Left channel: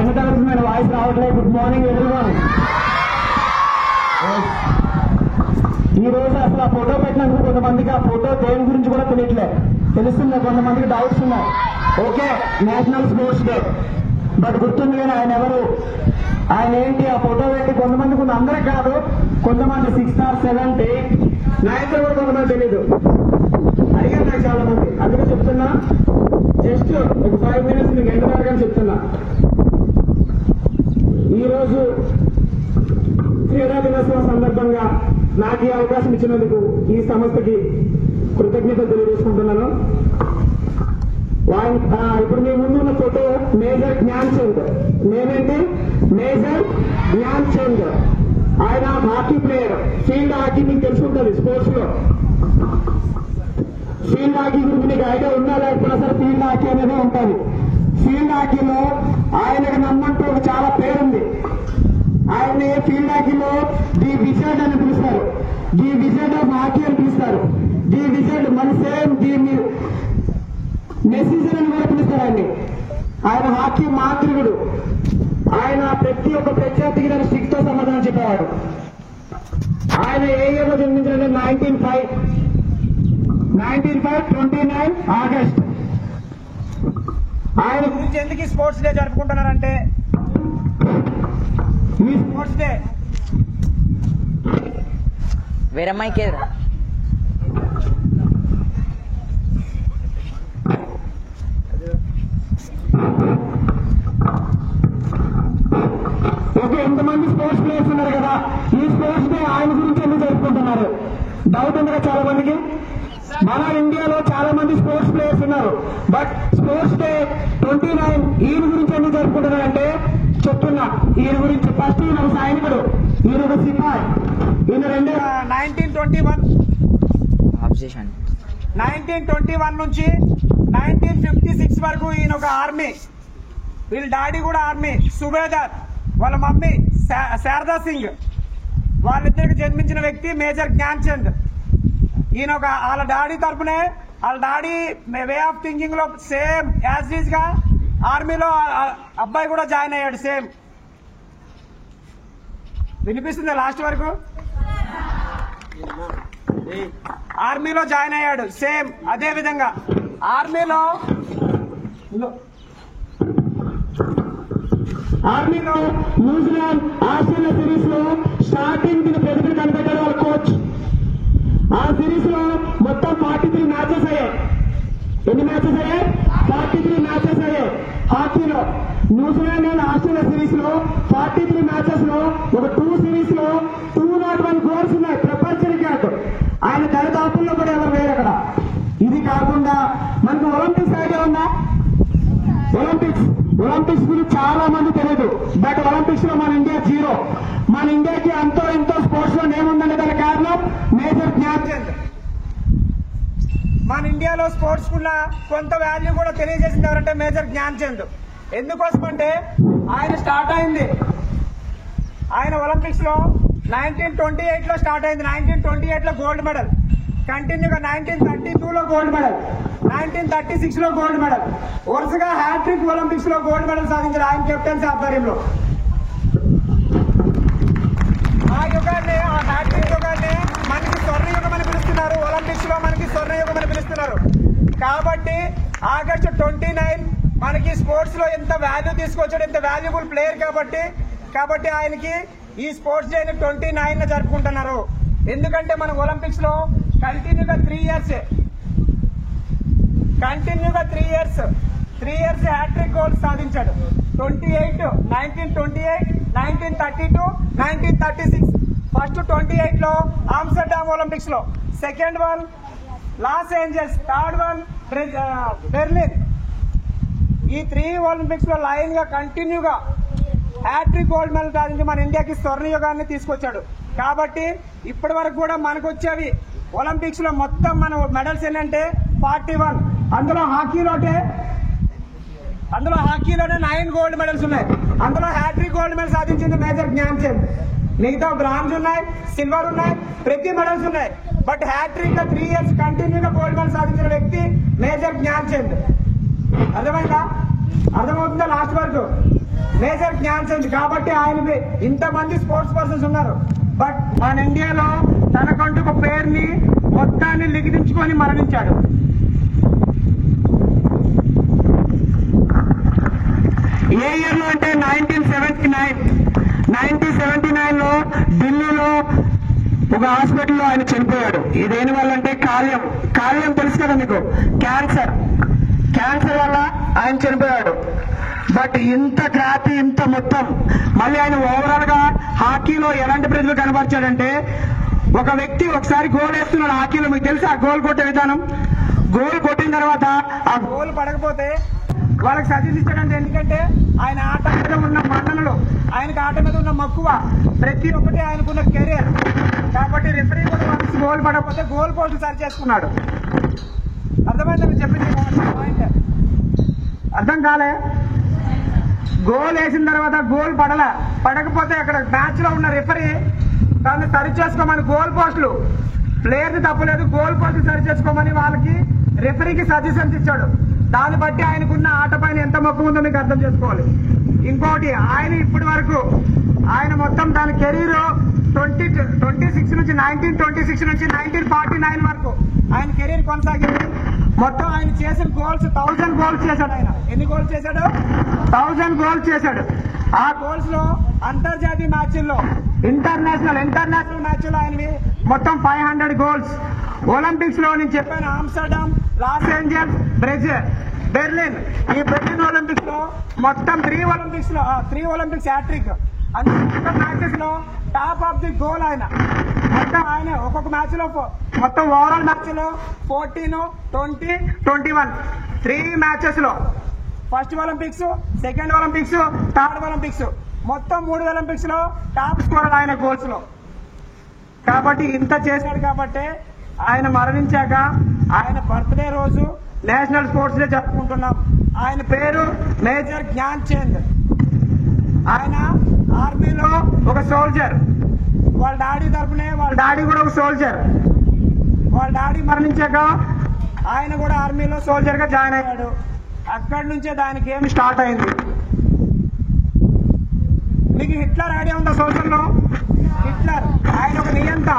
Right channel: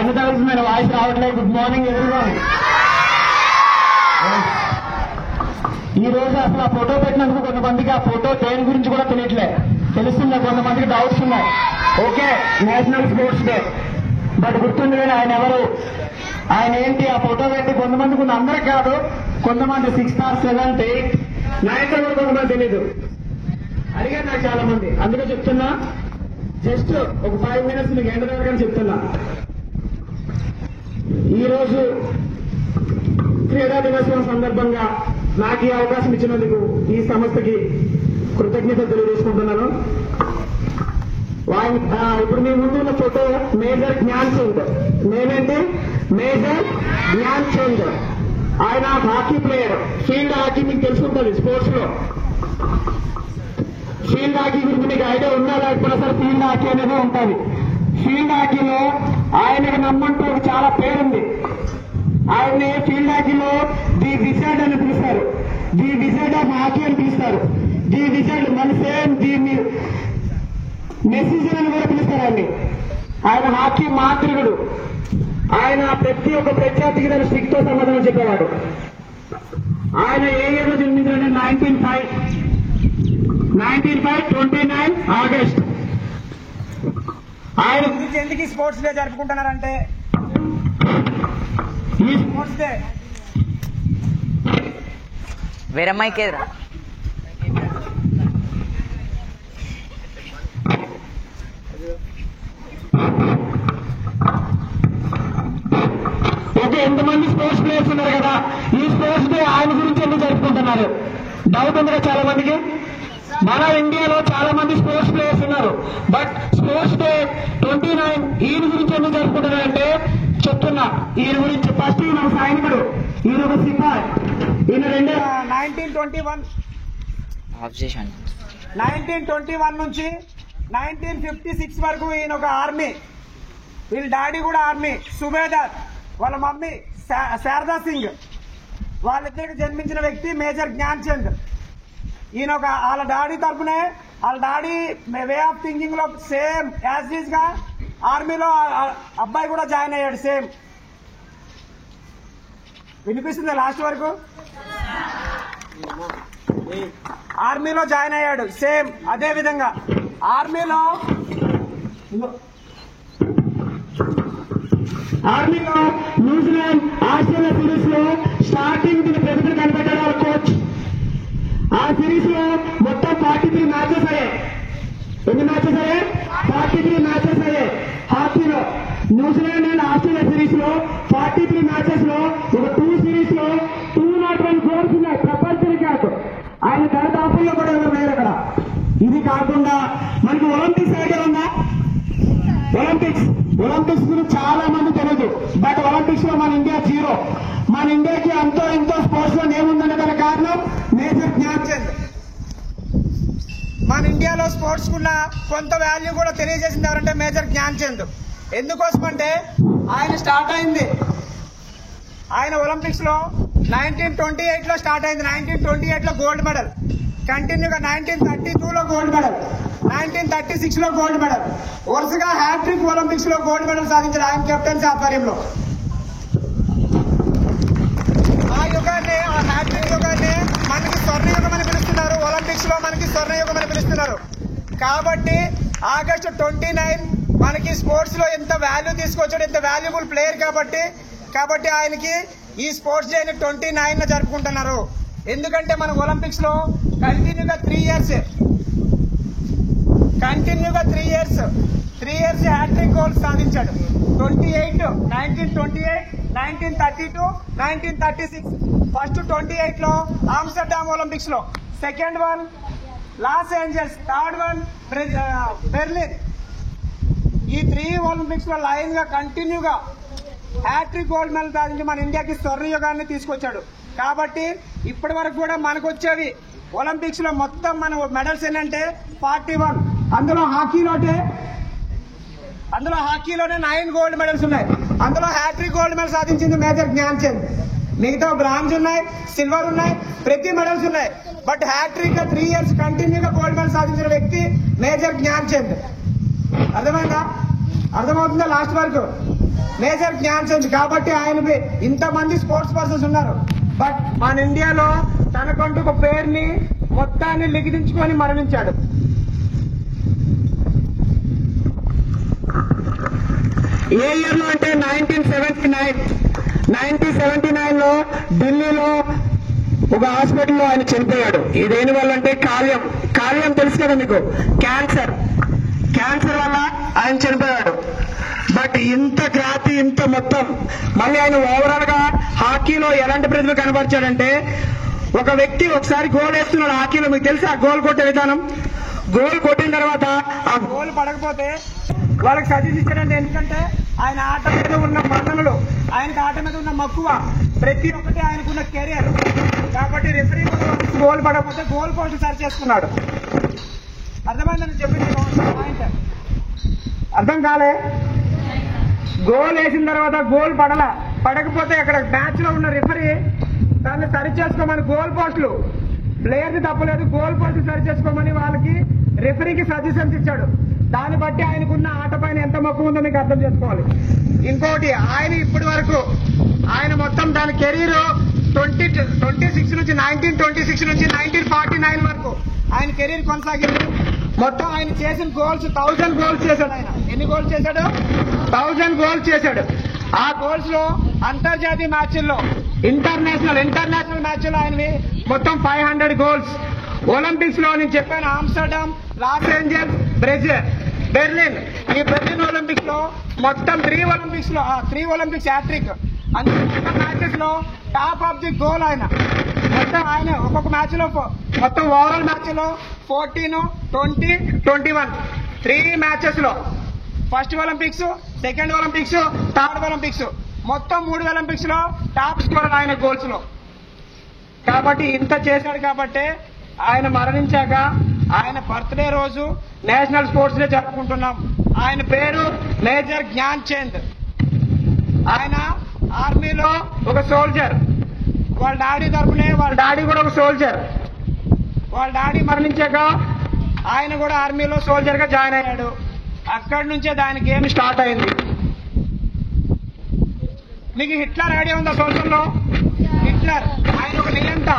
10th తరగతి మీద voice రావట్లేదు. Good morning everyone. ఈ రోజు అసలు ఆ ఫోటో పెట్టినందుకు కొంతమందికి ఆ ఫోటో దేని గురించి కూడా తెలియట్లే. తెలుస్తుందా? కొంతమందికి డౌట్స్ ఉన్నాయి. Okay, national sports day, but గుర్తుంది కానీ ఆయన ఎవరు, ఆయన ఏంటి, ఆ ఫోటో పెట్టి కొంతమందికి ఉన్న, అందరికి కాదు, కొంతమంది 6th or 7th 8th 9th కూడా కొంతమంది తెలీదు. అడిగాను నాకు చాలా మంది, అందుకే చెప్తున్నా. జస్ట్ ఒక 5 minutes మీకు ఎండ్ వరకు చెప్తున్నా. ఈరోజు క్రీడా దినోత్సవం సందర్భంగా నాకు ఈ అవకాశం ఇచ్చినందుకు ఈ సంస్థకి కృతజ్ఞతలు తెలియజేసుకుంటున్నాను. ఇప్పుడు మీ ముందు ఉన్న ఫోటో మేజర్ జ్ఞాన్ చంద్. నేనంటే మేజర్ జ్ఞాన్ చంద్. ఆయన హాకీ ప్లేయర్. ఫీల్డ్ హాకీ మీకు తెలుసుకుంటుంది స్పోర్ట్స్ లో. ఫీల్డ్ హాకీ గురించి మీకు ఐడియా ఉన్నా లేకపోతే అసలు ఫీల్డ్ హాకీ అనేది ఉంటుంది. ఫీల్డ్ హాకీలో ఆయనకి నమ్మంటూ చాలా పేరుంది. ఆయన్ని ఫీల్డ్ హాకీలో ది విజర్డ్ అని పిలుస్తారు. ది విజర్డ్ ఆఫ్ హాకీ అని పిలుస్తారు. ది విజర్డ్ మన సేమ్ ది మెసేజ్ అని కూడా పిలుస్తారు ఆయన్ని. ఆయన హాకీ మాంత్రికుడు. ఆయన ప్రతి ఒక్క ప్రత్యర్థికి దాని స్టిక్ తో సమాధానం చెప్పేవాడు. ఆయన ఏ ఇయర్ లో జన్మించారంటే 1929 ఆగస్ట్. ఆయన గురించి ఎందుకు ఈ స్పోర్ట్స్ డే జరుపుకుంటున్నారంటే, ఈ స్పోర్ట్స్ డే వేరే అమ్మాయికి ఎదురా ఓకే, ఎంతమంది స్పోర్ట్స్ ప్లేయర్స్ ఉన్నారు కదా, ఈ స్పోర్ట్స్ డే ఆయన గురించి ఎందుకు జరుపుకుంటున్నారు? డౌట్ ఉంది కదా చాలా మందికి. మన ఇండియాలో చాలా మంది స్పోర్ట్స్ ప్లేయర్స్ ఉన్నారు, బట్ స్పోర్ట్స్ డే 29 ఈయన గురించి ఎందుకు జరుపుకుంటున్నారంటే చెప్తున్నా. ఈయన గురించి ఫస్ట్ ఈయన ఒక సైనికుడు, ఈయన ఒక సిపాయి. ఈయన 1921 నుంచి 1956 వరకు ఈయన ఒక ఆర్మీ. వీళ్ళ డాడీ కూడా ఆర్మీ సుబేదార్. వాళ్ళ మమ్మీ శారదా సింగ్. వాళ్ళిద్దరికి జన్మించిన వ్యక్తి మేజర్ జ్ఞాన్ చంద్. ఈయన ఒక వాళ్ళ డాడీ తరపునే, వాళ్ళ డాడీ వే ఆఫ్ థింకింగ్ లో సేమ్ యాజ్ ఈజ్ గా ఆర్మీలో అబ్బాయి కూడా జాయిన్ అయ్యాడు. సేమ్ వినిపిస్తుంది లాస్ట్ వరకు. ఆర్మీలో జాయిన్ అయ్యాడు సేమ్ అదే విధంగా. ఆర్మీలో న్యూజిలాండ్ ఆస్ట్రేలియా సిరీస్ లో స్టార్టింగ్ ప్రతిభ కనిపెట్టాడు వాళ్ళ కోచ్. ఆ సిరీస్ లో మొత్తం 43 మ్యాచెస్ అయ్యాయి. ఎన్ని మ్యాచెస్ అయ్యాయి? 43 మ్యాచెస్ అయ్యాయి హాకీలో. న్యూజిలాండ్ అండ్ ఆస్ట్రేలియా సిరీస్ లో 43 మ్యాచెస్ లో ఒక 2 సిరీస్ లో 201 గోల్స్ ఉన్నాయి. ప్రపంచ రికార్డు. ఆయన దరిదాపుల్లో కూడా ఎవరు లేరు అక్కడ. ఇది కాకుండా మనకి ఒలింపిక్స్ ఆగేమన్నా, ఒలింపిక్స్ గురించి చాలా మంది తెలియదు, బట్ ఒలింపిక్స్ లో మన ఇండియా 0. మన ఇండియాకి అంతో ఇంతో స్పోర్ట్స్ లో ఏముందంటే దానికి కారణం మేజర్ జ్ఞాన్ చంద్. మన ఇండియాలో స్పోర్ట్స్ కున్న కొంత వాల్యూ కూడా తెలియజేసింది ఎవరంటే మేజర్ జ్ఞాన్ చంద్. ఎందుకోసం అంటే ఆయన స్టార్ట్ అయింది, ఆయన ఒలింపిక్స్ లో 1928 లో స్టార్ట్ అయింది. 1928 లో గోల్డ్ మెడల్, కంటిన్యూగా 1932 లో గోల్డ్ మెడల్, 1936 లో గోల్డ్ మెడల్, వరుసగా హ్యాట్రిక్ ఒలింపిక్స్ లో గోల్డ్ మెడల్ సాధించారు ఆయన కెప్టెన్సీ ఆధ్వర్యంలో. ఆ యుగాన్ని, ఆ హ్యాట్రిక్ యుగాన్ని మనకి స్వర్ణయుగం అని పిలుస్తున్నారు. ఒలింపిక్స్ లో మనకి స్వర్ణయుగం అని పిలుస్తున్నారు. కాబట్టి ఆగస్టు 29 మనకి స్పోర్ట్స్ లో ఎంత వాల్యూ తీసుకొచ్చాడు, ఎంత వాల్యుబుల్ ప్లేయర్ కాబట్టి ఆయనకి ఈ స్పోర్ట్స్ డే 29 జరుపుకుంటున్నారు. ఎందుకంటే మన ఒలింపిక్స్ లో కంటిన్యూగా 3 ఇయర్స్ హ్యాట్రిక్ గోల్స్ సాధించాడు. 1928, 1932, 1936. ఫస్ట్ 28 లో ఆమ్స్టర్డామ్ ఒలింపిక్స్ లో, second one Los Angeles, third one Berlin. ఈ 3 ఒలింపిక్స్ లో లైన్ గా కంటిన్యూగా హ్యాట్రిక్ గోల్డ్ మెడల్ సాధించి మన ఇండియాకి స్వర్ణయుగాన్ని తీసుకొచ్చాడు. కాబట్టి ఇప్పటి వరకు కూడా మనకు వచ్చేవి ఒలింపిక్స్ లో మొత్తం మన మెడల్స్ ఏంటంటే 41. అందులో హాకీలోనే 9 గోల్డ్ మెడల్స్ ఉన్నాయి. అందులో హ్యాట్రిక్ గోల్డ్ మెడల్ సాధించింది మేజర్ జ్ఞాన్ చంద్. మిగతా బ్రాంజ్ ఉన్నాయి, సిల్వర్ ఉన్నాయి, ప్రతి మెడల్స్ ఉన్నాయి. బట్ హ్యాట్రిక్ గా 3 ఇయర్స్ కంటిన్యూగా గోల్డ్ మెడల్ సాధించిన వ్యక్తి మేజర్ జ్ఞాన్ చంద్. అర్థమైందా? అర్థమవుతుందా లాస్ట్ వరకు? మేజర్ జ్ఞాన్ చంద్. కాబట్టి ఆయన ఇంతమంది స్పోర్ట్స్ పర్సన్స్ ఉన్నారు, బట్ మన ఇండియాలో తనకంటూ ఒక పేరుని మొత్తాన్ని లిఖించుకొని మరణించాడు. ఏ ఇయర్ లో అంటే 1979 లో ఢిల్లీలో ఒక హాస్పిటల్లో ఆయన చనిపోయాడు. దేని వల్ల అంటే కాలేయం తెలుసు కదా మీకు, క్యాన్సర్ వల్ల ఆయన చనిపోయాడు. బట్ ఇంత ఖ్యాతి, ఇంత మొత్తం మళ్ళీ ఆయన ఓవరాల్ గా హాకీలో ఎలాంటి ప్రతిభ కనబరిచాడంటే, ఒక వ్యక్తి ఒకసారి గోల్ వేస్తున్నాడు హాకీలో, మీకు తెలుసా గోల్ కొట్టే విధానం. గోల్ కొట్టిన తర్వాత ఆ గోల్ పడకపోతే వాళ్ళకి సజెస్ట్ ఇచ్చాడంటే, ఎందుకంటే ఆయన ఆట మీద ఉన్న మన్ననలు, ఆయనకి ఆట మీద ఉన్న మక్కువ, ప్రతి ఒక్కటి ఆయనకున్న కెరియర్. కాబట్టి రిఫరీ కూడా గోల్ పడకపోతే గోల్ పోస్ట్ సరి చేసుకున్నాడు. అర్థమైందని చెప్పింది పాయింట్. అర్థం కాలే? గోల్ వేసిన తర్వాత గోల్ పడకపోతే అక్కడ మ్యాచ్ లో ఉన్న రిఫరీ దాన్ని సరి చేసుకోమని గోల్ పోస్టులు, ప్లేయర్ తప్పలేదు, గోల్ పోస్ట్ సరి చేసుకోమని వాళ్ళకి రిఫరీకి సజెషన్స్ ఇచ్చాడు. దాన్ని బట్టి ఆయనకున్న ఆట పైన ఎంత మక్కువ ఉందో మీకు అర్థం చేసుకోవాలి. ఇంకోటి, ఆయన ఇప్పటి వరకు ఆయన మొత్తం దాని కెరీర్ 1926 నుంచి 1949 వరకు ఆయన కెరీర్ కొనసాగింది. మొత్తం ఆయన చేసిన గోల్స్ 1000 గోల్స్ చేశాడు. ఆయన ఎన్ని గోల్స్ చేశాడు? 1000 గోల్స్ చేశాడు. ఆ గోల్స్ లో అంతర్జాతీయ మ్యాచ్ల్లో, ఇంటర్నేషనల్ మ్యాచ్ల్లో ఆయనవి మొత్తం 500 గోల్స్. ఒలింపిక్స్ లో నేను చెప్పాను, Amsterdam, Los Angeles, Brazil, Berlin. ఈ బెర్లిన్ ఒలింపిక్స్ లో మొత్తం 3 ఒలింపిక్స్ హ్యాట్రిక్. మొత్తం మ్యాచెస్ లో టాప్ ఆఫ్ ది గోల్ ఆయన. మొత్తం ఆయన ఒక్కొక్క మ్యాచ్ లో మొత్తం ఓవరాల్ మ్యాచ్ లో 14, 20, 21 3 మ్యాచెస్ లో, first Olympics, second Olympics, third Olympics, మొత్తం 3 ఒలింపిక్స్ లో టాప్ స్కోరర్ ఆయన గోల్స్ లో. కాబట్టి ఇంత చేశాడు. కాబట్టి ఆయన మరణించాక ఆయన బర్త్డే రోజు నేషనల్ స్పోర్ట్స్ డే జరుపుకుంటున్నాం. ఆయన పేరు మేజర్ జ్ఞాన్ చంద్. ఆయన ఆర్మీలో ఒక సోల్జర్. వాళ్ళ డాడీ తరపునే, వాళ్ళ డాడీ కూడా ఒక సోల్జర్. వాళ్ళ డాడీ మరణించాక ఆయన కూడా ఆర్మీలో సోల్జర్ గా జాయిన్ అయ్యాడు. అక్కడి నుంచే దాని గేమ్ స్టార్ట్ అయింది. మీకు హిట్లర్ ఐడియా ఉందా? సోషల్లో హిట్లర్ ఆయన ఒక నియంత.